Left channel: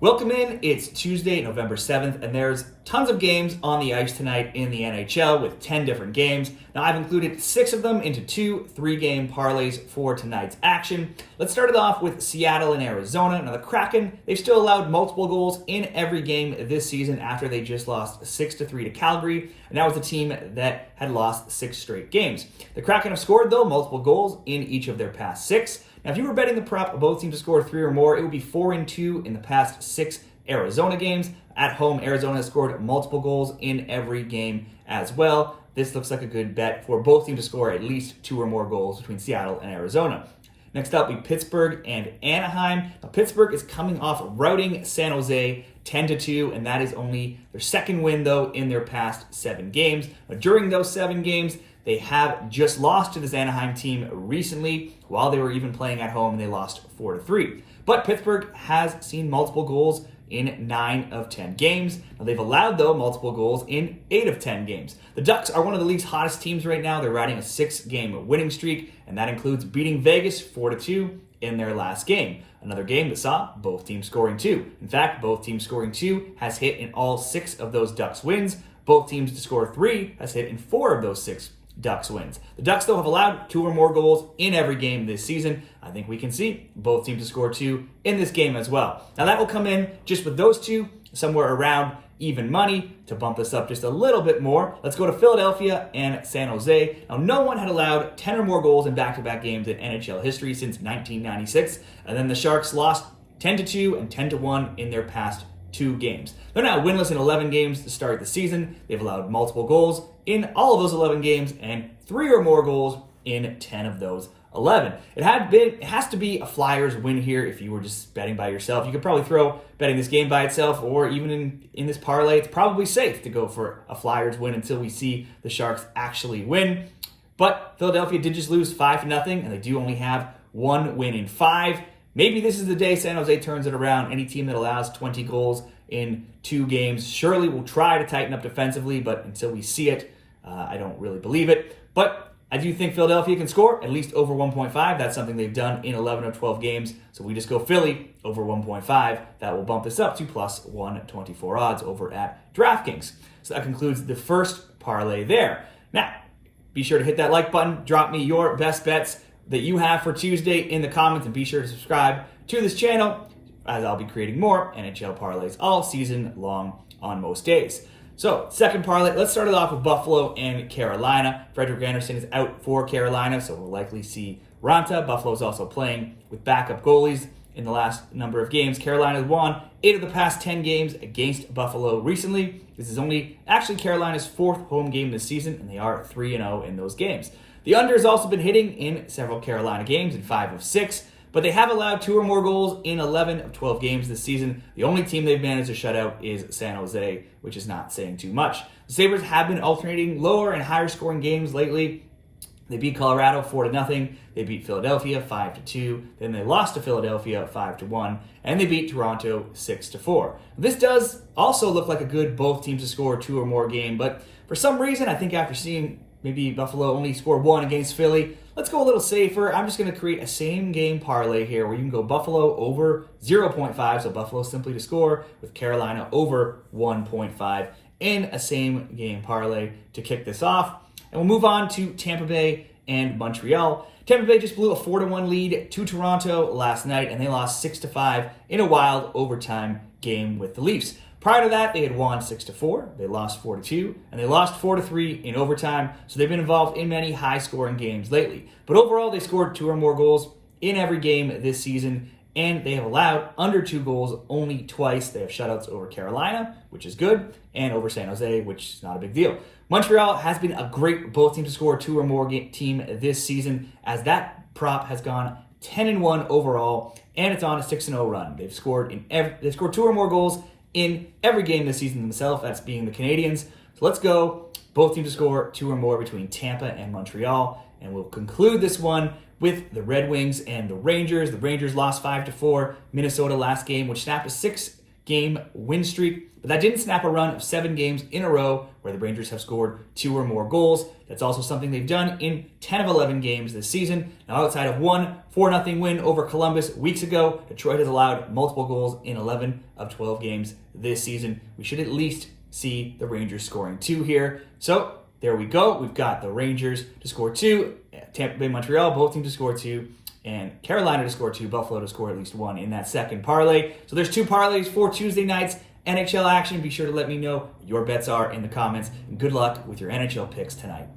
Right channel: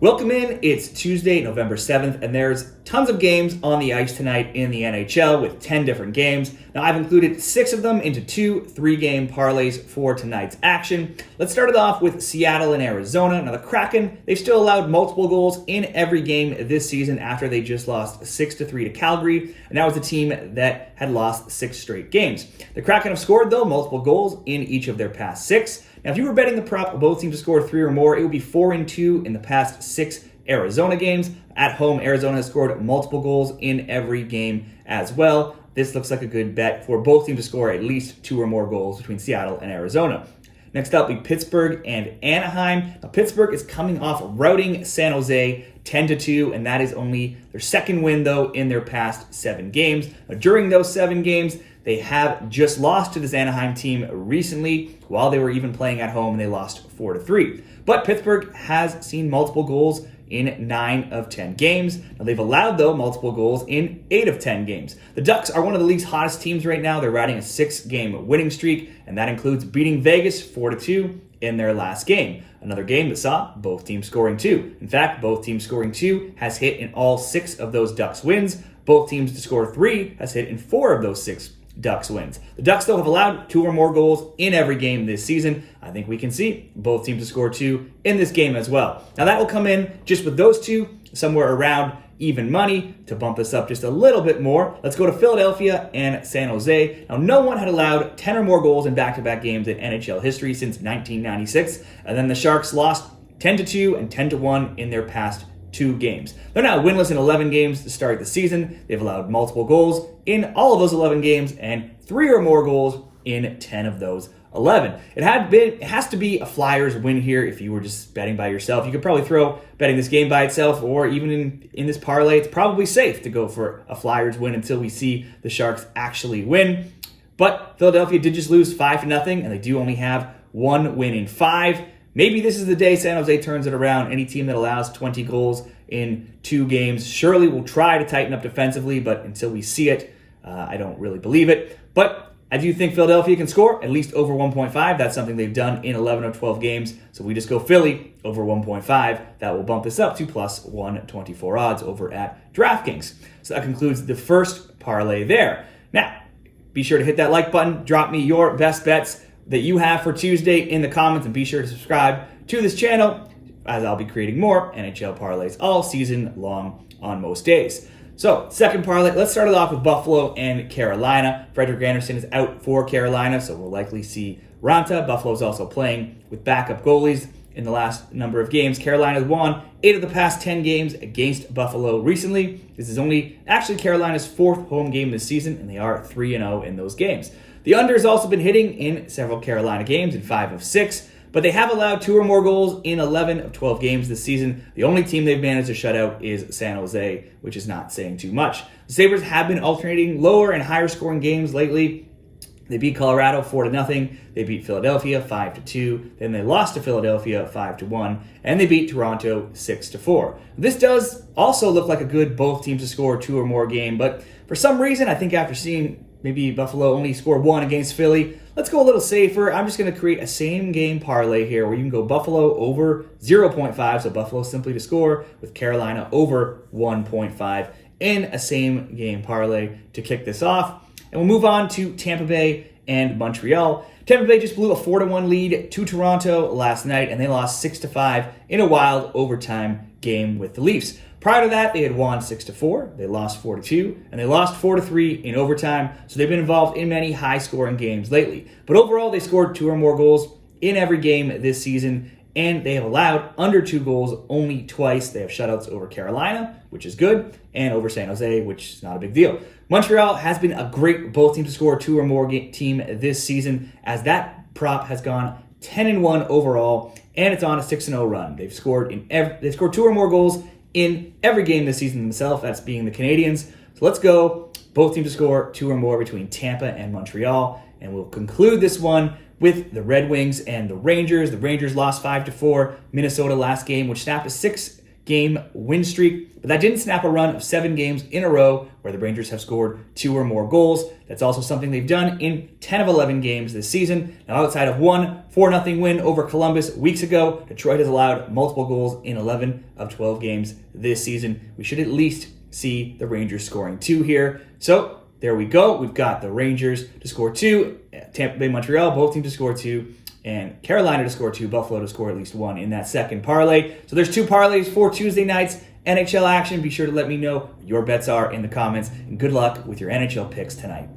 Welcome in. It's Tuesday, November 7th, and there's tons of games on the ice tonight in the NHL with 10 different games. Now, I've included 6 of them into 2 3-game parlays for tonight's action. Let's start it off with Seattle and Arizona. Now, the Kraken, they've still allowed multiple goals in every game this season after they just lost 6-3 to Calgary, and that was a team that had lost 6 straight games. The Kraken have scored, though, multiple goals in each of their past 6. Now, if you were betting the prop of both teams to score 3 or more, it would be 4-2 in the past 6 Arizona games. At home, Arizona has scored multiple goals in every game as well. This looks like a good bet for both teams to score at least 2 or more goals between Seattle and Arizona. Next up, we Pittsburgh and Anaheim. Now, Pittsburgh is coming off routing San Jose 10-2, and that is only their second win, though, in their past 7 games. Now, during those 7 games, they have just lost to this Anaheim team recently while they were even playing at home, and they lost 4-3. But Pittsburgh has seen multiple goals in 9 of 10 games. Now, they've allowed, though, multiple goals in 8 of 10 games. The Ducks are one of the league's hottest teams right now. They're riding a 6-game winning streak, and that includes beating Vegas 4-2 in their last game. Another game that saw both teams scoring 2. In fact, both teams scoring 2 has hit in all 6 of those Ducks wins. Both teams to score 3 has hit in 4 of those 6 Ducks wins. The Ducks, though, have allowed 2 or more goals in every game this season. I think we can see both teams to score 2 in this game as well. Now, that will come in just with those 2, somewhere around even money to bump this up just a little bit more. Let's go to Philadelphia and San Jose. Now, no one had allowed 10 or more goals in back-to-back games in NHL history since 1996, and then the Sharks lost 10-2 and 10-1 in their past 2 games. They're now winless in 11 games to start the season. They've allowed multiple goals in all of those 11 games and 3 or more goals in 10 of those 11. It has to be a Flyers win here if you were just betting by yourself. You could probably throw betting this game by itself, or even in this parlay, it's probably safe to go for a Flyers win until we see the Sharks actually win. But Philadelphia did just lose 5-0, and they do only have 1 win in 5. Maybe this is the day San Jose turns it around. Any team that allows 20 goals in 2 games surely will try to tighten up defensively, but until we see it, I don't really believe it. But I do think Philadelphia can score at least over 1.5. That's something they've done in 11 or 12 games. So we just go Philly over 1.5. That will bump this up to plus 124 odds over at DraftKings. So that concludes the first parlay there. Now, be sure to hit that like button. Drop me your best bets that you have for Tuesday in the comments, and be sure to subscribe to this channel as I'll be creating more NHL parlays all season long on most days. So, second parlay, let's start it off with Buffalo and Carolina. Frederik Andersen is out for Carolina, so we'll likely see Ranta. Buffalo's also playing with backup goalies in the last number of games. Carolina has won 8 of the past 10 games against Buffalo recently. This is only actually Carolina's 4th home game this season, and they are 3-0 in those games. The under has also been hitting in several Carolina games in 5 of 6, but they have allowed 2 or more goals in 11 of 12 games this season. The only team they've managed to shut out is San Jose, which is not saying too much. The Sabres have been alternating lower and higher scoring games lately. They beat Colorado 4-0. They beat Philadelphia 5-2. Then they lost to Philadelphia 5-1, and they beat Toronto 6-4. This does also look like a good both teams to score 2 or more game, but for some reason, I think after seeing maybe Buffalo only score 1 against Philly, let's go a little safer. I'm just going to create a same game parlay here where you can go Buffalo over 0.5, so Buffalo simply to score, with Carolina over 1.5 in a same game parlay to kick this off. And we'll move on to Tampa Bay and Montreal. Tampa Bay just blew a 4-1 lead to Toronto last night, and they lost 6-5 in a wild overtime game with the Leafs. Prior to that, they had won 6-4, they lost 4-2, and they lost 4-3 in overtime, so they've been involved in many high-scoring games lately. But overall, they scored 2 or more goals in every game this season, and they have allowed under 2 goals only twice. They have shutouts over Carolina, which is good, and over San Jose, which is not a big deal. Montreal has been a great both teams to score 2 or more team this season, as that prop has gone 10-1 overall, and it's on a 6-0 run. They've scored 2 or more goals in every game this season themselves, that's being the Canadiens. So let's go both teams to score 2 or more between Tampa and Montreal, and we'll conclude this one with the Red Wings and the Rangers. The Rangers lost 5-4 Minnesota last game, which snapped a 6 game win streak, but that didn't snap a run of 7 games in a row where the Rangers have scored 2 or more goals. That's also something they've done in 10 of 11 games this season. Now, outside of one 4-0 win over Columbus weeks ago, Detroit has allowed multiple goals in 11 of 12 games this season. We should at least see the Rangers scoring 2 here. So there we go. We've got the Rangers to score 2, Tampa Bay, Montreal, both teams to score 2, and Carolina to score 2, Buffalo to score at least 1 in that second parlay. So there's 2 parlays for Tuesday night's NHL action. Be sure to let me know what your bets are in the comments, and good luck with your NHL picks tonight.